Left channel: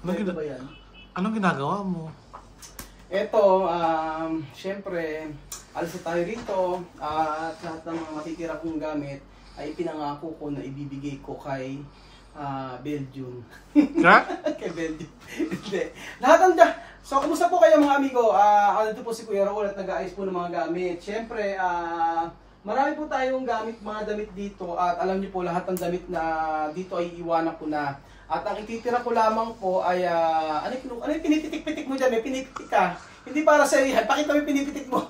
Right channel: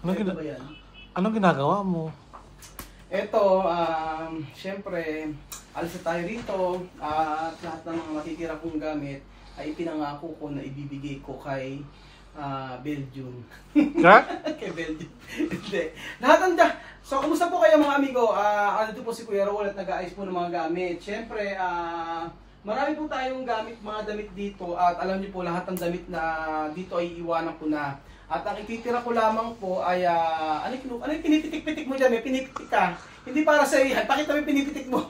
Anong ginagawa mo? Eto, syempre, alis na tayo rito. At lahat ng mga matitira kong gamit ay pinangako ko na ibibigay ko kay Belgium. Ha? Kay Belgium. Hindi. Lahat ng so, kumusta po kayo mga amigo? Dito po si Kuya Raul at nag-aayos po ng mga gamit. Syempre, marami po tayong gamit, mga damit dito. At alam niyo po, lahat ng damit na dito ay iwanan ko na. At ang ititira ko lamang po ay, ano yung pinipitik-pitik mo dyan? May pinipitik ka. Hindi para sa iyo yan. Pakita mo yung pinipitik mo.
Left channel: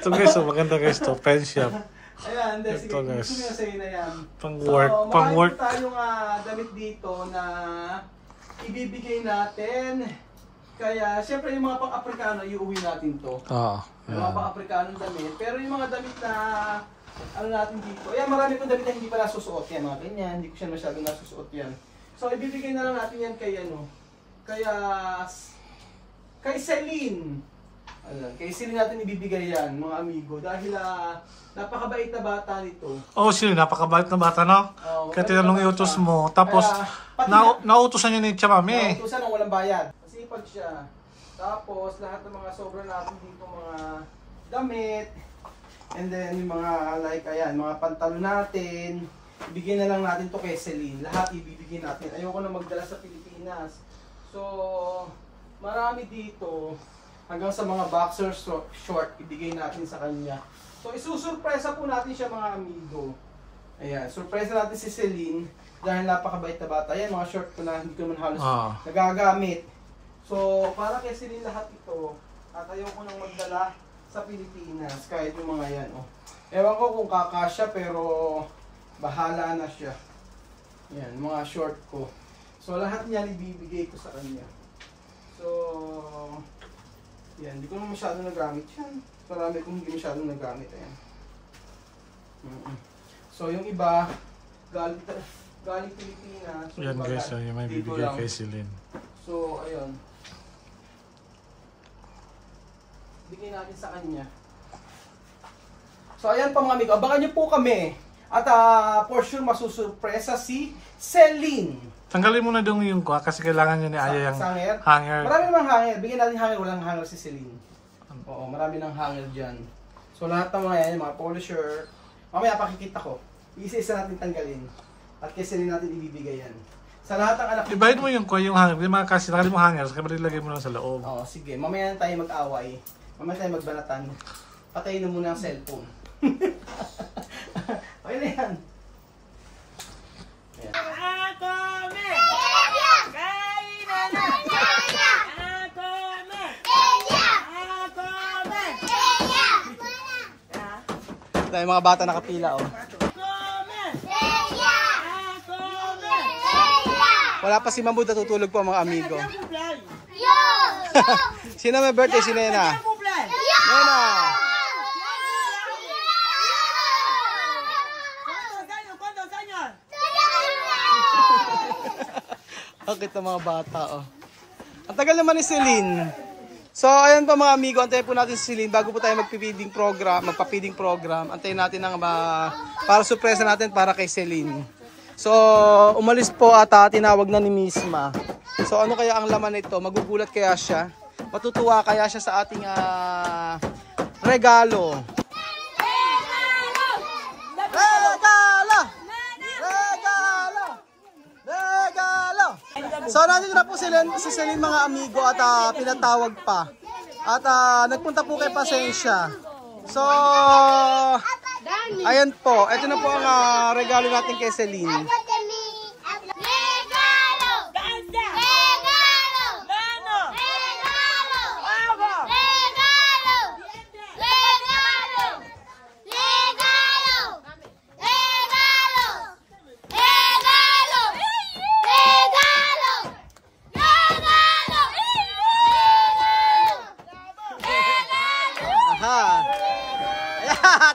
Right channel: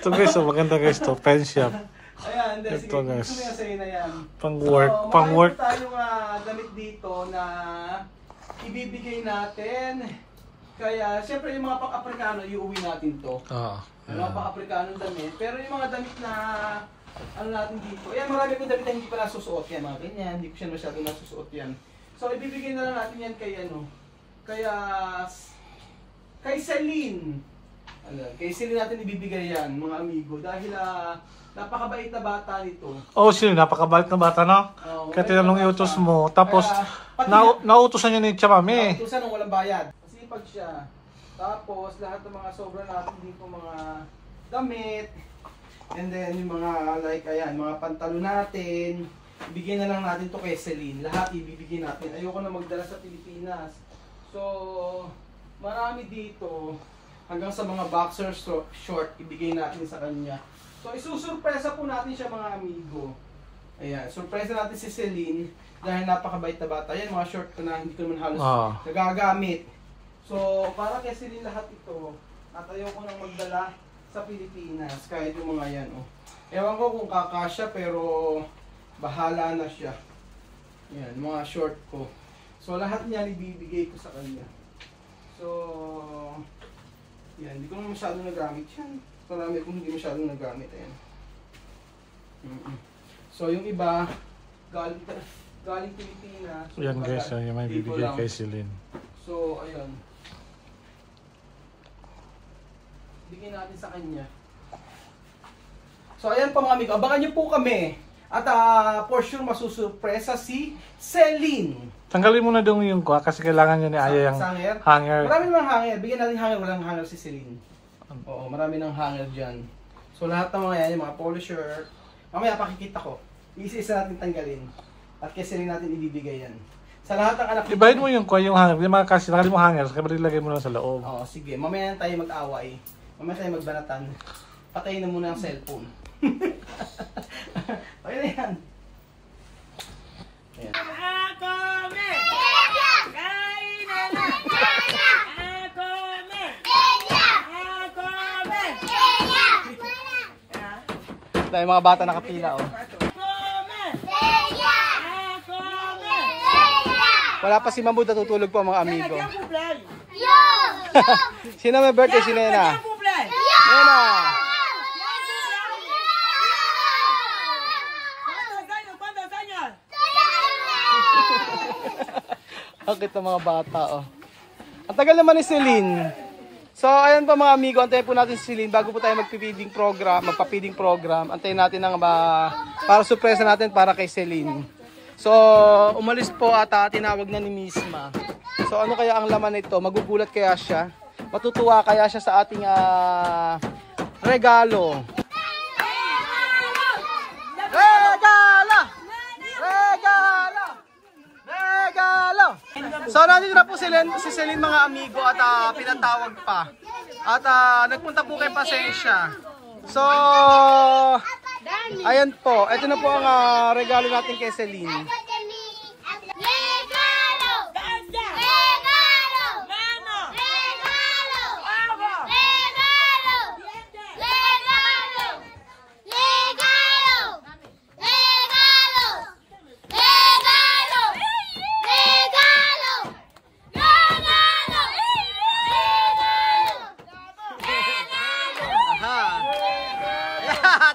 Ito guys, maganda guys to. Pen shop. Ayan, sige. Gusto mo yung sa'yo na yan. Pang work. So, pang work. marami po tayong damit dito na ibibigay natin. Kaya, siyempre yung mga pang-Afrikano, iuwi natin to. Yung mga pang-Afrikano damit. Pero yung mga damit na ano natin dito. Ayan, marami kong damit na hindi pa nasusuot. Yan, mga ganyan. Hindi ko siya masyadong nasusuot yan. So, ibibigay na lang natin yan kay ano. Kay Celine. Ayan, kay Celine natin ibibigay yan, mga amigo. Dahil napakabait na bata nito. Oh, sino? Napakabait na bata, no? Kaya tinanong iutos mo. Tapos, nautusan niya ni Chamami. Nautusan ng walang bayad. Masipag siya. Tapos, lahat ng mga sobra natin dito, mga damit. And then, yung mga, like, ayan, mga pantalo natin. Ibigay na lang natin to kay Celine. Lahat ibibigay natin. Ayoko na magdala sa Pilipinas. So, marami dito. Hanggang sa mga boxer short, ibigay natin sa kanya. So, isusurpresa po natin siya, mga amigo. Ayan, surpresa natin si Celine. Dahil napakabait na bata. Ayan, mga short ko na hindi ko naman halos nagagamit. So, para kay Celine lahat ito. At ayoko nang magdala sa Pilipinas, kahit yung mga yan, oh. Ewan ko kung kakasya, pero bahala na siya. Yan, mga short ko. So, lahat niyan ibibigay ko sa kanya. So, yan, hindi ko naman masyado nagamit yan. Marami kong hindi masyado nagamit, ayan. So, yung iba, galing Pilipinas. So, yan guys, yung may bibigay kay Celine. So, ayun. Bigyan natin sa kanya. So ayan pa mga amigo, abangan nyo po kami. At for sure masusurpresa si Celine. Tanggalin mo na dong yung kwa kasi kailangan niya ni Aya yung hanger. Marami namang hanger. Bigyan natin hanger, walang hanger si Celine. Oo, marami ng hanger dyan. So lahat ng mga yan, yung mga polo shirt. Mamaya pakikita ko. Isa-isa natin tanggalin. At kay Celine natin ibibigay yan. Sa lahat ng anak. Ibahin mo yung kwa, yung hanger. Hindi makakasi, tanggalin mo hanger. Kaya ilagay mo lang sa loob. Oo, sige. Mamaya na tayo mag-away. Mamaya tayo magbanatan. Patayin na muna ang cellphone. Okay na yan. Ayan. Akome! Kainana! Akome! Akome! Tayo mga bata nakapila, oh. Akome! Akome! Wala pa si Mamud na tutulog po, mga amigo. Yo! Sino may birthday? Si Nena. Nena! ¿Cuántos años? Bakit ang mga bata, oh. Ang tagal naman ni Celine. So, ayun pa mga amigo, antayin po natin si Celine bago po tayo magpa-feeding program. Antayin natin ng para surpresa natin para kay Celine. So, umalis po at tinawag na ni Misma. So, ano kaya ang laman nito? Magugulat kaya siya? Matutuwa kaya siya sa ating regalo? Regalo! So, nandito na po si Celine mga amigo at pinatawag pa. At nagpunta po kay Pasensya. So, ayan po. Ito na po ang regalo natin kay Celine.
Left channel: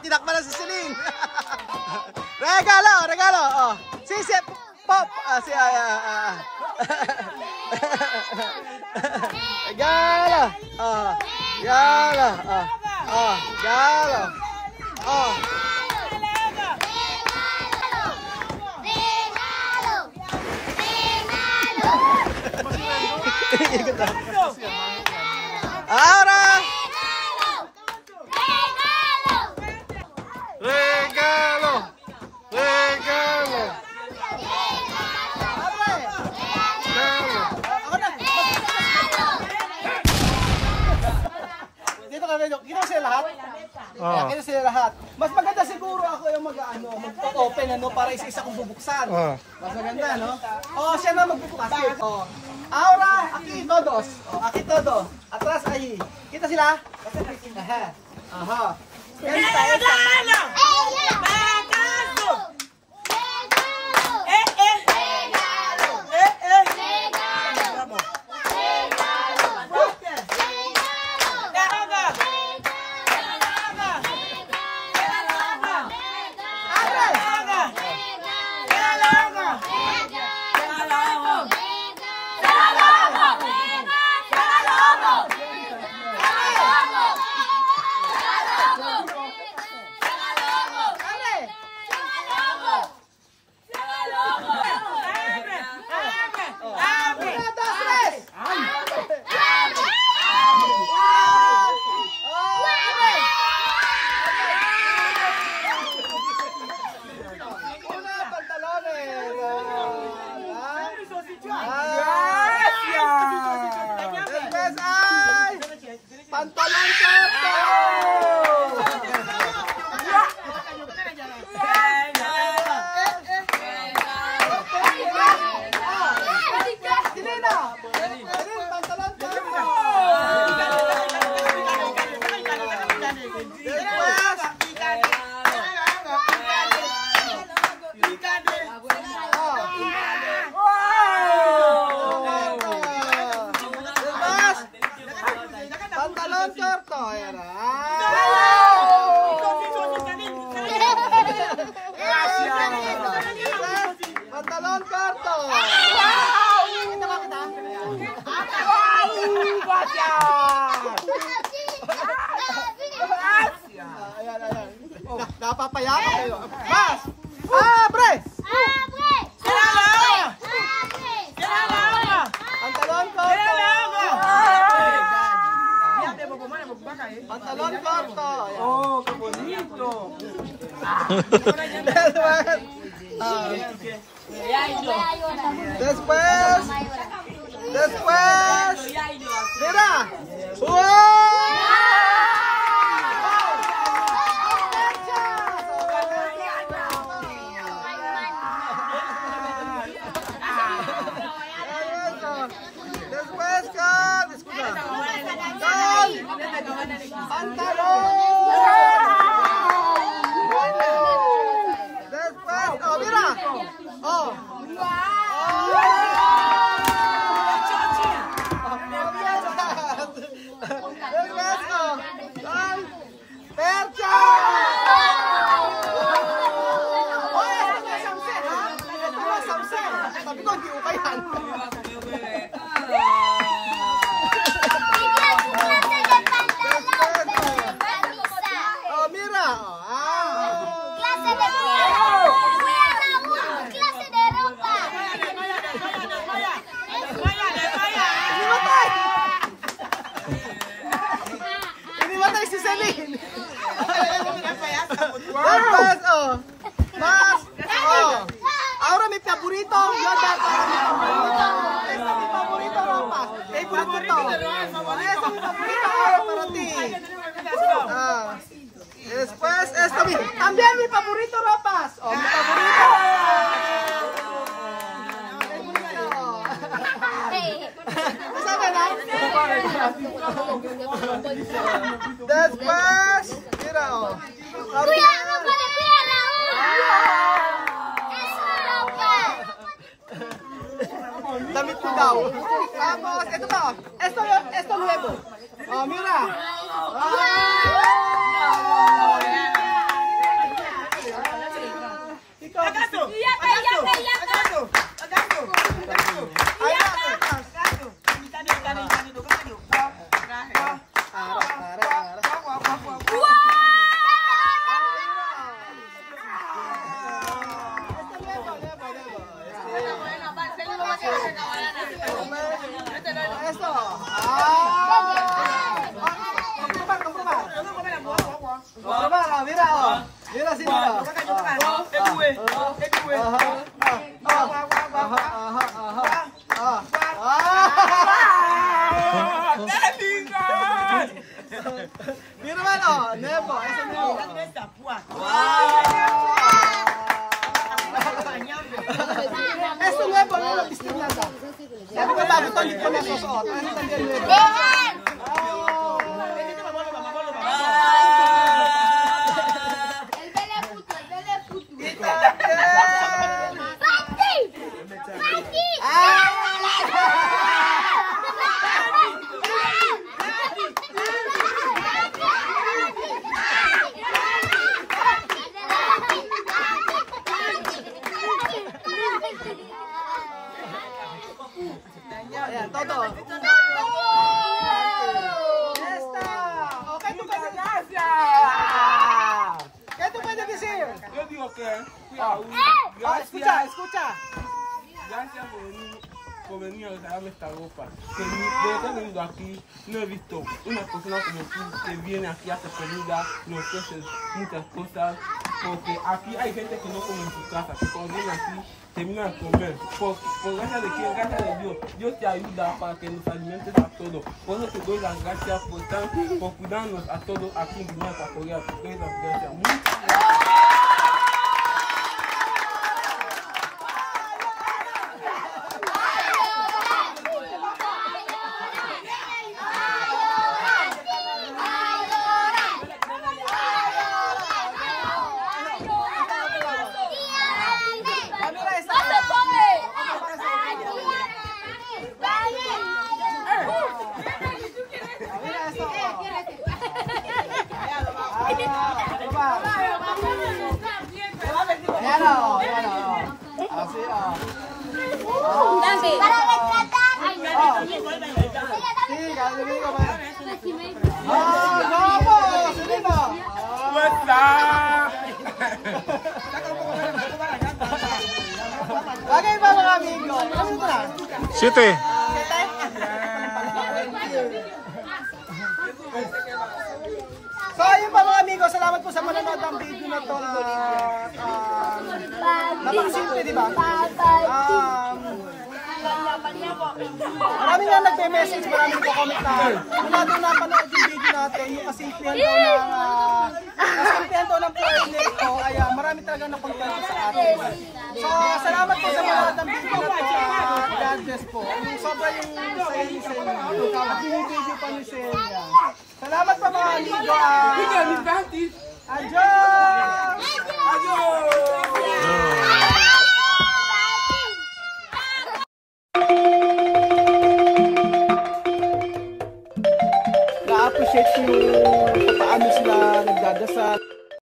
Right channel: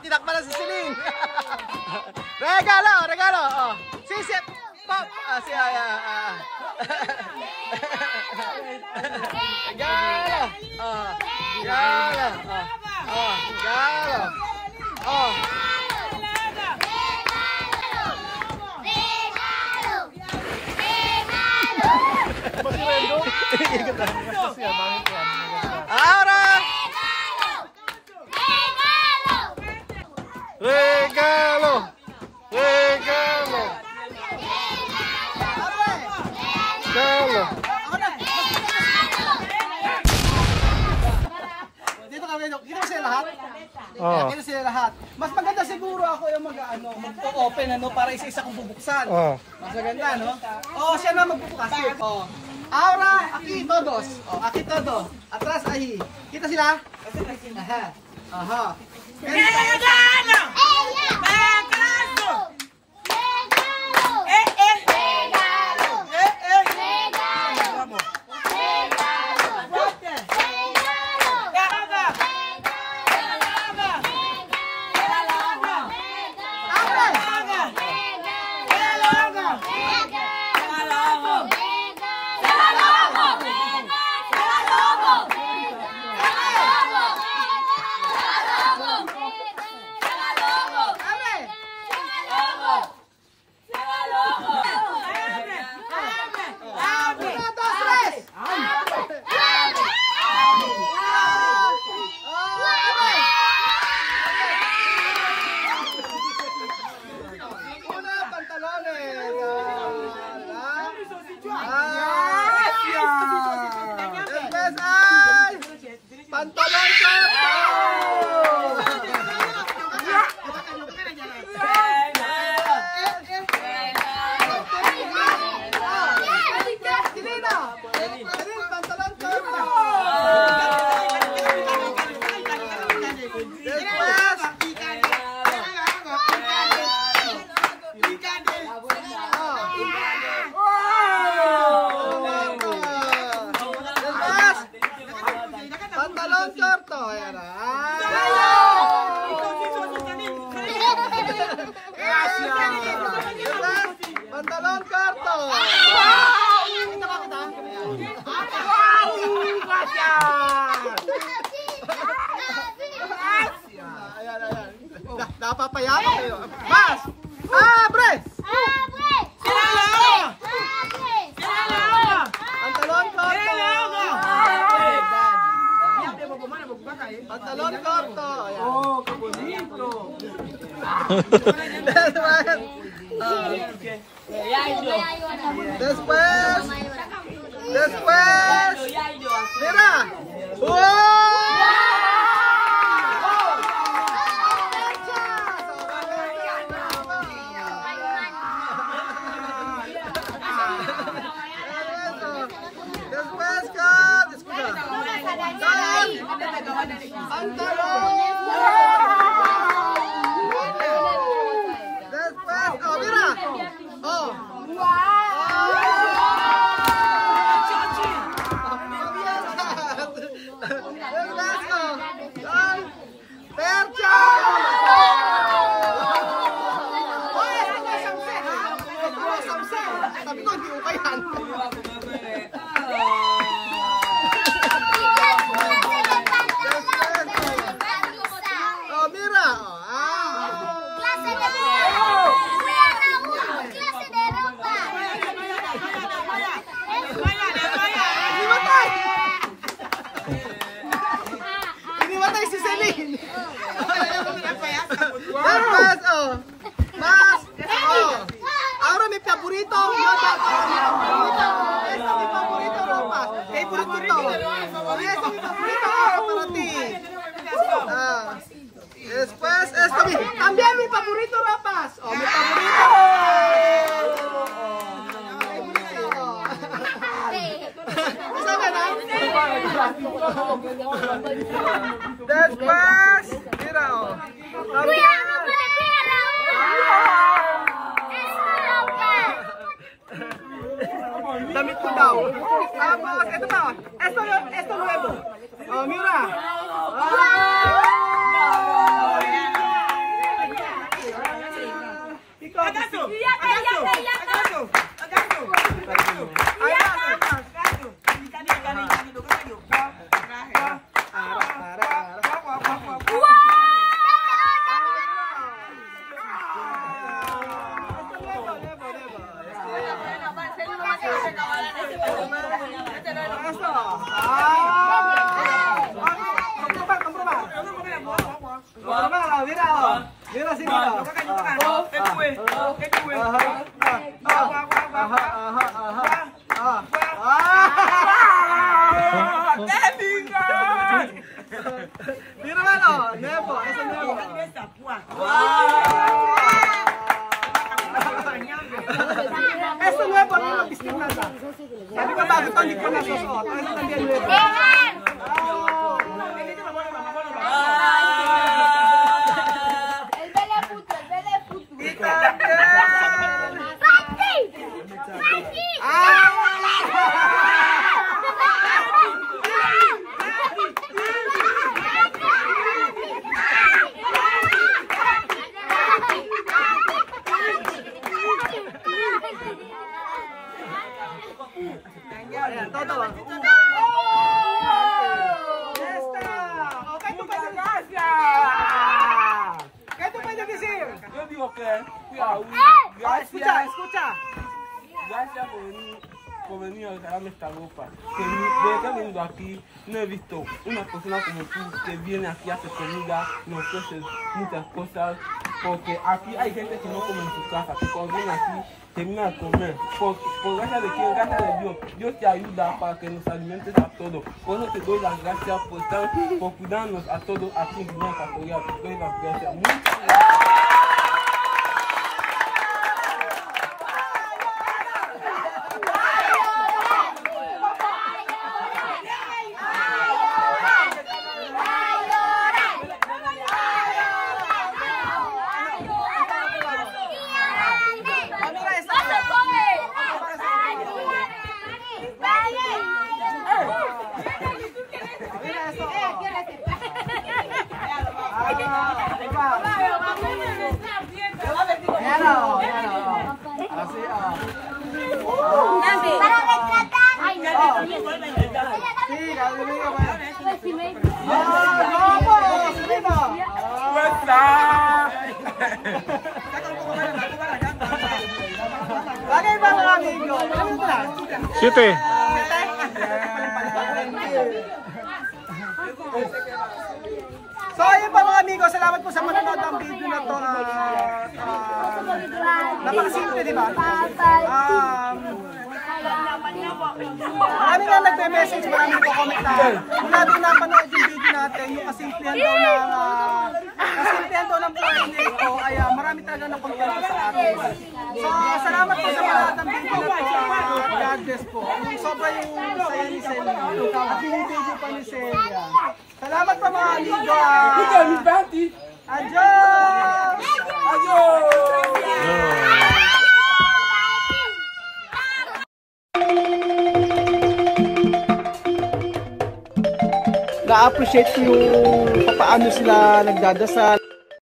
Tinakpan na si Celine. Regalo. Oh. Si Pop. Regalo. Oh. Regalo. Oh. Regalo. Oh. Ahora. Regalo! Regalo! Regalo! Dito kami, kita sila lahat? Oh. Kita sila lahat. Mas maganda siguro ako yung mag-open para isa-isa kong bubuksan. Oh. Mas maganda, no? Oh, siya na magbubukas. Oh. Ahora, aquí todos. Oh, aquí todo. Atrás ahí. Kita sila? Aha. Aha. Regalo! Regalo! Pantalon sa pantalon korto, ayan na. Pantalon korto. Kita ba kita? Ayan, ayan. Napapayak kayo. Mas! Abre! Pantalon korto. Pantalon korto. Oh, qué bonito. Después. Mira. Ahora mi favorito, después esto, también mi favorito ropas. Oh, mi favorito. Después, mira, damit ko daw. Tapos, ito to. Esto nuevo. Oh, mira. Esto. Mira sino? Mira mano, Nebo, ese Nebo. Ese Nebo yung napistin na sa. Sabi ko bakit ito hindi ko nasusuot? Ano tanggal Nebo? Ayan, todo. Yo digo que fui a un... Escucha. Gracias por venir a regalarme esta ropa. Que desde que he venido aquí no he visto una persona como tú que viene aquí a hacer comida, nos ofrece muchas cosas. Porque aquí hay gente que no come en su casa, que cuando viene aquí termina de comer. Por gracia de quién, gracias de Dios. Dios te ayuda para que nos alimentes a todos. Por eso te doy las gracias por cuidarnos a todos aquí en Guinea Ecuatorial. Te doy las gracias. Muchas gracias. Bagay ba mga amigo? Siete. So ayun pa mga amigo, salamat po sa manonood ng video na to. Napakasimple, di ba? Maraming nga nagme-message, maraming nagko-comment na kung natin napanood yung video natin, yung kasimplihan daw ng play nito, ay marami talaga nakontent sa atin. So salamat po sa manonood ng video na to. God bless po. Sobra yung saya ni Celia. Yung video pa ni Celia. Salamat po mga amigo. Adios! Na-appreciate ko yung paano sila nagdadasal.